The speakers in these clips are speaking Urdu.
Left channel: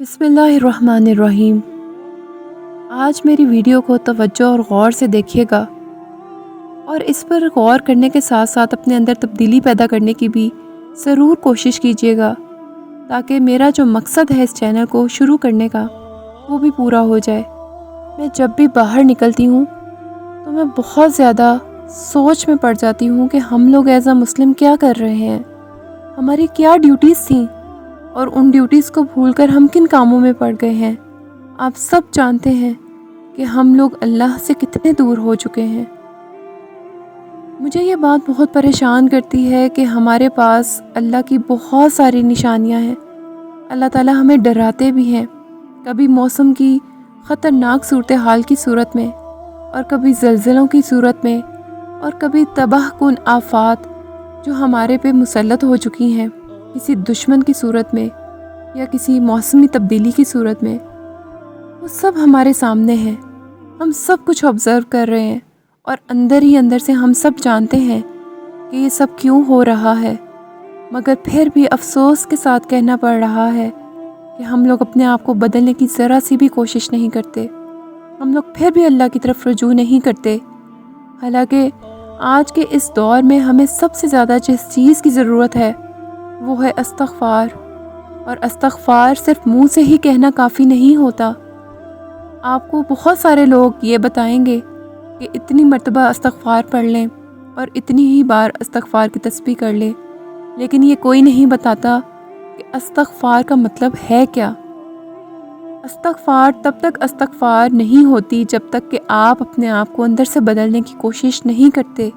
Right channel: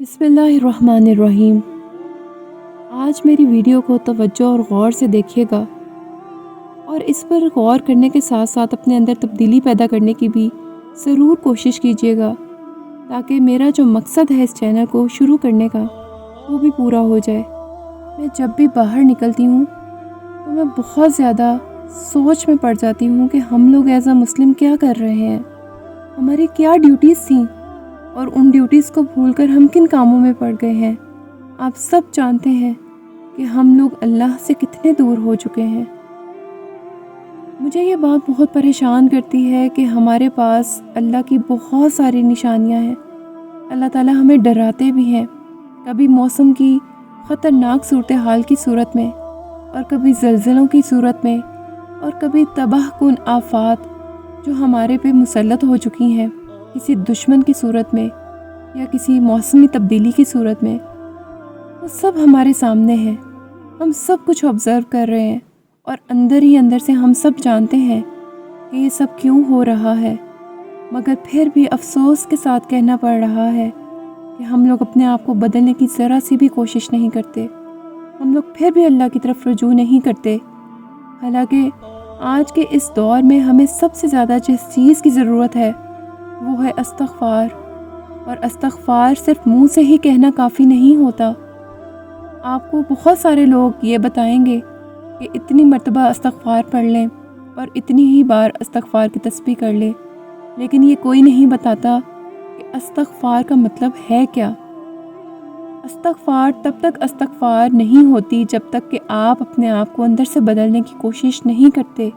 بسم اللہ الرحمن الرحیم۔ آج میری ویڈیو کو توجہ اور غور سے دیکھیے گا اور اس پر غور کرنے کے ساتھ ساتھ اپنے اندر تبدیلی پیدا کرنے کی بھی ضرور کوشش کیجیے گا، تاکہ میرا جو مقصد ہے اس چینل کو شروع کرنے کا وہ بھی پورا ہو جائے۔ میں جب بھی باہر نکلتی ہوں تو میں بہت زیادہ سوچ میں پڑ جاتی ہوں کہ ہم لوگ ایز اے مسلم کیا کر رہے ہیں، ہماری کیا ڈیوٹیز تھیں اور ان ڈیوٹیز کو بھول کر ہم کن کاموں میں پڑ گئے ہیں۔ آپ سب جانتے ہیں کہ ہم لوگ اللہ سے کتنے دور ہو چکے ہیں۔ مجھے یہ بات بہت پریشان کرتی ہے کہ ہمارے پاس اللہ کی بہت ساری نشانیاں ہیں، اللہ تعالیٰ ہمیں ڈراتے بھی ہیں، کبھی موسم کی خطرناک صورتحال کی صورت میں اور کبھی زلزلوں کی صورت میں اور کبھی تباہ کن آفات جو ہمارے پہ مسلط ہو چکی ہیں کسی دشمن کی صورت میں یا کسی موسمی تبدیلی کی صورت میں۔ وہ سب ہمارے سامنے ہیں، ہم سب کچھ آبزرو کر رہے ہیں اور اندر ہی اندر سے ہم سب جانتے ہیں کہ یہ سب کیوں ہو رہا ہے، مگر پھر بھی افسوس کے ساتھ کہنا پڑ رہا ہے کہ ہم لوگ اپنے آپ کو بدلنے کی ذرا سی بھی کوشش نہیں کرتے، ہم لوگ پھر بھی اللہ کی طرف رجوع نہیں کرتے۔ حالانکہ آج کے اس دور میں ہمیں سب سے زیادہ جس چیز کی ضرورت ہے وہ ہے استغفار، اور استغفار صرف منہ سے ہی کہنا کافی نہیں ہوتا۔ آپ کو بہت سارے لوگ یہ بتائیں گے کہ اتنی مرتبہ استغفار پڑھ لیں اور اتنی ہی بار استغفار کی تسبیح کر لیں، لیکن یہ کوئی نہیں بتاتا کہ استغفار کا مطلب ہے کیا۔ استغفار تب تک استغفار نہیں ہوتی جب تک کہ آپ اپنے آپ کو اندر سے بدلنے کی کوشش نہیں کرتے،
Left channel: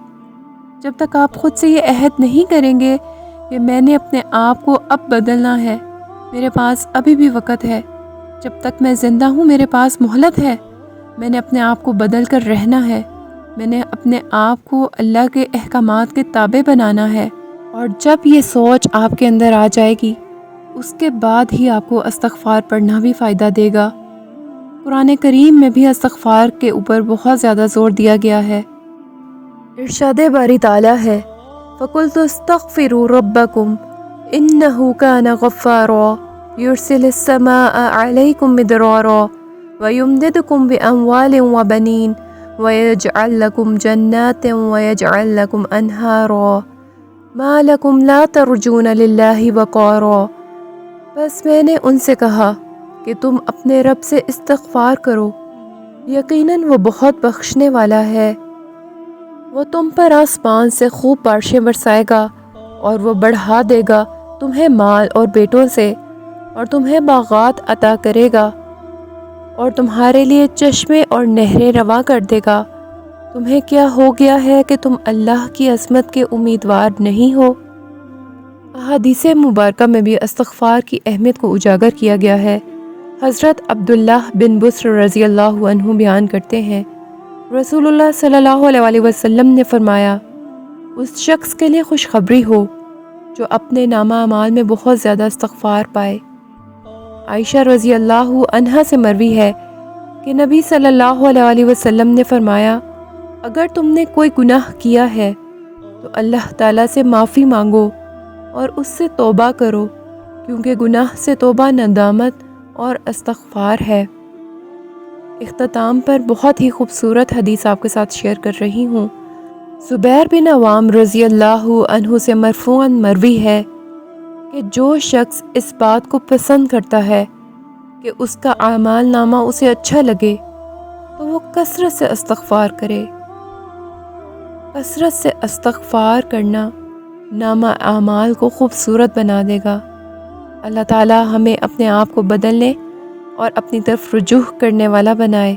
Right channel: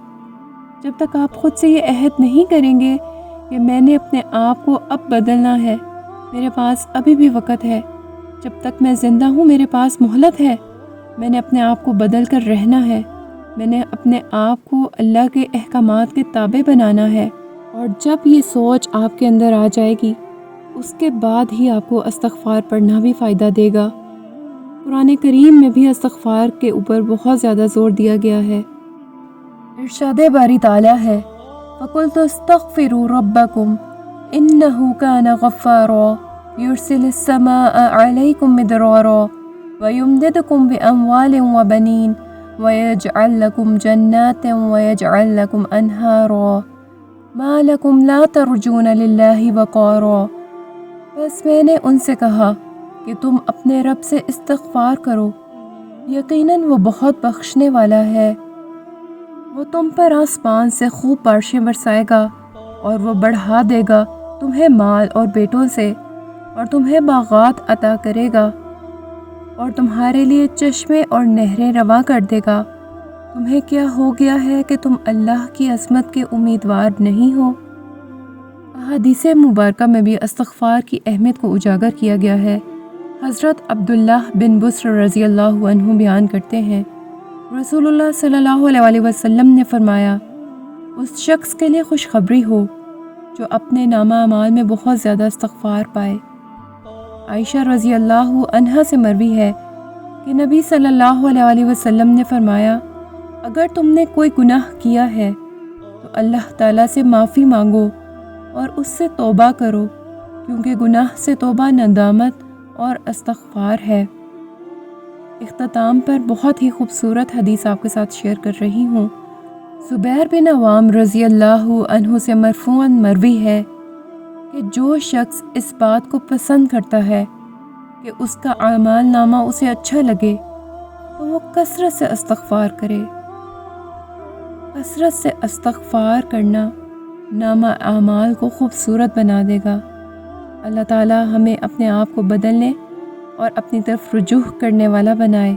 جب تک آپ خود سے یہ عہد نہیں کریں گے کہ میں نے اپنے آپ کو اب بدلنا ہے، میرے پاس ابھی بھی وقت ہے، جب تک میں زندہ ہوں میرے پاس مہلت ہے، میں نے اپنے آپ کو بدل کر رہنا ہے، میں نے اپنے آپ کو اللہ کے احکامات کے تابع بنانا ہے۔ اور جب یہ سوچ آپ کے اندر آ جائے گی اس کے بعد ہی آپ کو استغفار پڑھنا بھی فائدہ دے گا۔ قرآن کریم میں بھی استغفار کے اوپر بہت زیادہ زور دیا گیا ہے۔ ارشاد باری تعالیٰ ہے فَقُلْتُ اسْتَغْفِرُوا رَبَّكُمْ إِنَّهُ كَانَ غَفَّارًا يُرْسِلِ السَّمَاءَ عَلَيْكُمْ مِدْرَارًا وَيُمْدِدْكُمْ بِأَمْوَالٍ وَبَنِينَ وَيَجْعَلْ لَكُمْ جَنَّاتٍ وَيَجْعَلْ لَكُمْ أَنْهَارًا مَا لَكُمْ لَا تَرْجُونَ لِلَّهِ وَقَارًا۔ بس میں نے ان سے کہا کہ تم اپنے رب سے استغفار کرو، یقیناً وہ بہت بخشنے والا ہے، وہ تم پر آسمان سے خوب بارشیں برسائے گا اور وہ بڑھا دے گا تمہیں مال اور بیٹوں سے، اور تمہیں باغات عطا کرے گا اور تمہارے لیے چشمے اور نہریں رواں کر دے گا۔ تمہیں کیا ہو گیا ہے کہ تم اللہ کی عظمت کے امیدوار نہیں ہو؟ احادیث مبارکہ میں بھی استغفار کی اہمیت کو اجاگر کیا گیا ہے۔ حضرت عبداللہ بن بسر رضی اللہ عنہ بیان کرتے ہیں، رسول اللہ صلی اللہ علیہ وسلم نے فرمایا، اس شخص کے لیے خوشخبری ہو جو اپنے نامہ اعمال میں بہت زیادہ استغفار پائے۔ عائشہ رضی اللہ عنہا سے مروی ہے کہ نبی صلی اللہ علیہ وسلم نے فرمایا، اگر تم نے کوئی گناہ کیا ہے تو اللہ تعالیٰ سے معافی مانگو اور اس سے توبہ کرو، کیونکہ گناہ سے توبہ ندامت اور استغفار ہے۔ اختتام پر بہت ہی خوبصورت حدیث آپ کے ساتھ شیئر کر رہی ہوں۔ زبیر بن عوام رضی اللہ عنہ سے مرفوعاً مروی ہے کہ جو شخص اس بات کو پسند کرتا ہے کہ اس کا اعمال نامہ اسے اچھا لگے تو وہ کثرت سے استغفار کرے۔ کثرت سے استغفار کرنا نامہ اعمال کو خوبصورت بنا دے گا۔ اللہ تعالیٰ ہمیں اپنے آپ کو بدلنے اور اپنی طرف رجوع کرنے والا بنائے،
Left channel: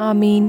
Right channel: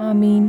آمین۔